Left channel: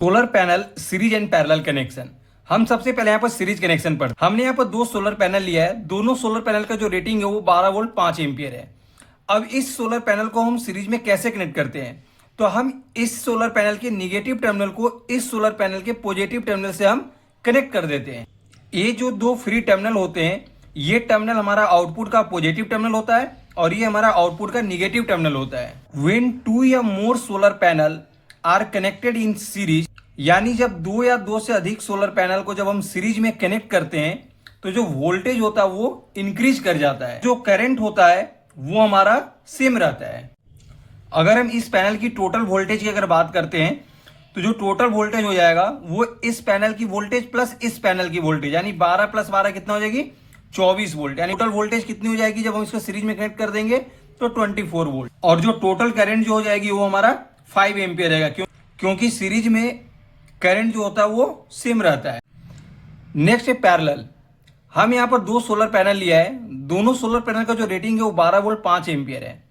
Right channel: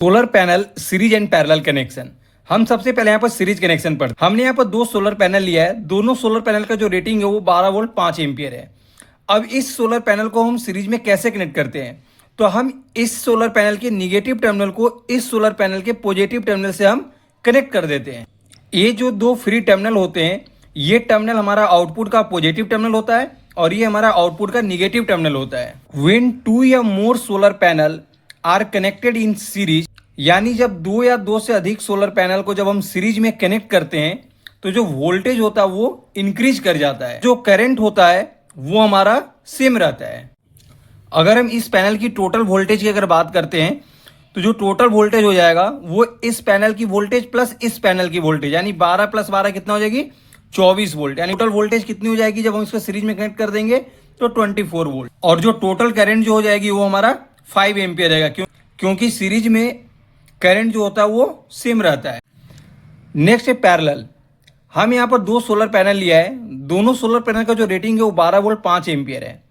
Solar panel series and parallel connection. हम सबसे पहले यहाँ पर सीरीज कनेक्शन पर हमने यहाँ पर दो सोलर पैनल लिया है। दोनों सोलर पैनल का जो रेटिंग है वो 12 वोल्ट 5 एम्पियर है। अब इस सोलर पैनल को हम सीरीज में कैसे कनेक्ट करते हैं, तो हम इस सोलर पैनल के निगेटिव टर्मिनल को इस सोलर पैनल के पॉजिटिव टर्मिनल से हम कनेक्ट कर देते हैं। ये जो दो फ्री टर्मिनल होते हैं, ये टर्मिनल हमारा आउटपुट का पॉजिटिव टर्मिनल होता है और ये हमारा आउटपुट का निगेटिव टर्मिनल होता है। व्हेन टू या more solar panel are connected in series, यानी जब दो या दो से अधिक सोलर पैनल को जब हम सीरीज में कनेक्ट करते हैं तो जो वोल्टेज होता है वो इंक्रीज कर जाता है, जो करंट होता है वो हमारा सेम रहता है। अगर हम इस पैनल की टोटल वोल्टेज की अगर बात करते हैं तो जो टोटल वोल्टेज हो जाएगा वो इस पैनल की वोल्टेज प्लस इस पैनल की वोल्टेज, यानी 12 प्लस 12 कितना हो जाएगी 24 वोल्ट। यानी टोटल वोल्टेज कितनी हो जाएगी जब हम इसको सीरीज में कनेक्ट कर देंगे तो 24 वोल्ट। और जो टोटल करंट जो हो जाएगी वो हमारा 5 एम्पियर रहेगा, क्योंकि सीरीज में करंट जो होता है वो सेम रहता है। नेक्स्ट है पैरेलल। हम यहाँ पर दो सोलर पैनल लिया है। दोनों सोलर पैनल का जो रेटिंग है वो 12 वोल्ट 5 एम्पियर है।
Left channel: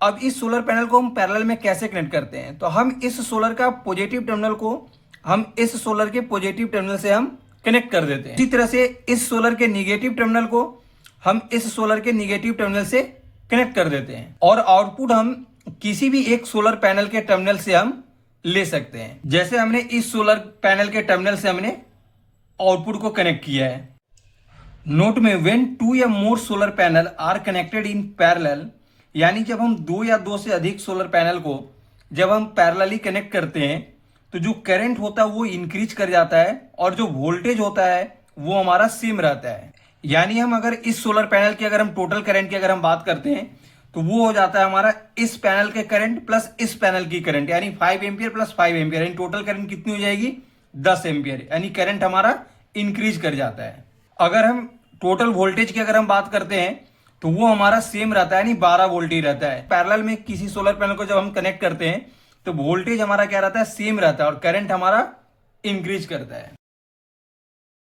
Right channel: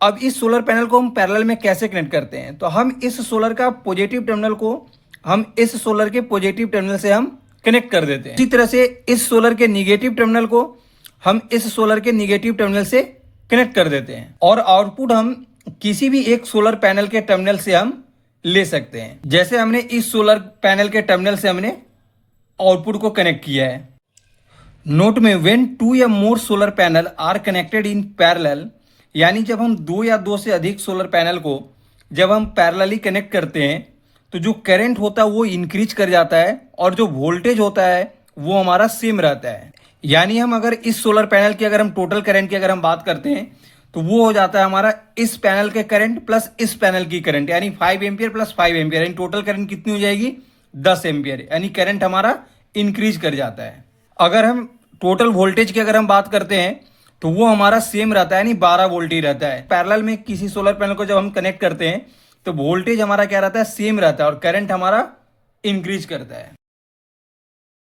अब इस सोलर पैनल को हम पैरेलल में कैसे कनेक्ट करते हैं, तो हम इस सोलर का पॉजिटिव टर्मिनल को हम इस सोलर के पॉजिटिव टर्मिनल से हम कनेक्ट कर देते हैं। इसी तरह से इस सोलर के निगेटिव टर्मिनल को हम इस सोलर के निगेटिव टर्मिनल से कनेक्ट कर देते हैं और आउटपुट हम किसी भी एक सोलर पैनल के टर्मिनल से हम ले सकते हैं। जैसे हमने इस सोलर पैनल के टर्मिनल से हमने आउटपुट को कनेक्ट किया है। नोट में व्हेन टू या more solar panel are connected in parallel, यानी जब हम दो या दो से अधिक सोलर पैनल को जब हम पैरेलली कनेक्ट करते हैं तो जो करंट होता है वो इंक्रीज कर जाता है और जो वोल्टेज होता है वो हमारा सेम रहता है। यानी हम अगर इस सोलर पैनल की अगर हम टोटल करंट की अगर हम बात करते हैं तो वो हो जाता है हमारा इस पैनल के करंट प्लस इस पैनल की करंट, यानी 5 एम्पियर प्लस 5 एम्पियर, यानी टोटल करंट कितनी हो जाएगी 10 एम्पियर, यानी करंट हमारा इंक्रीज कर जाता है। अगर हम टोटल वोल्टेज की अगर हम बात करते हैं तो वो हमारा सेम रहता है, यानी 12 वोल्ट ही रहता है। पैरेलल में किसी सोलर पैनल को जब हम कनेक्ट करते हैं तो वोल्टेज हमारा क्या रहता है सेम रहता है और करंट हमारा इंक्रीज करता है।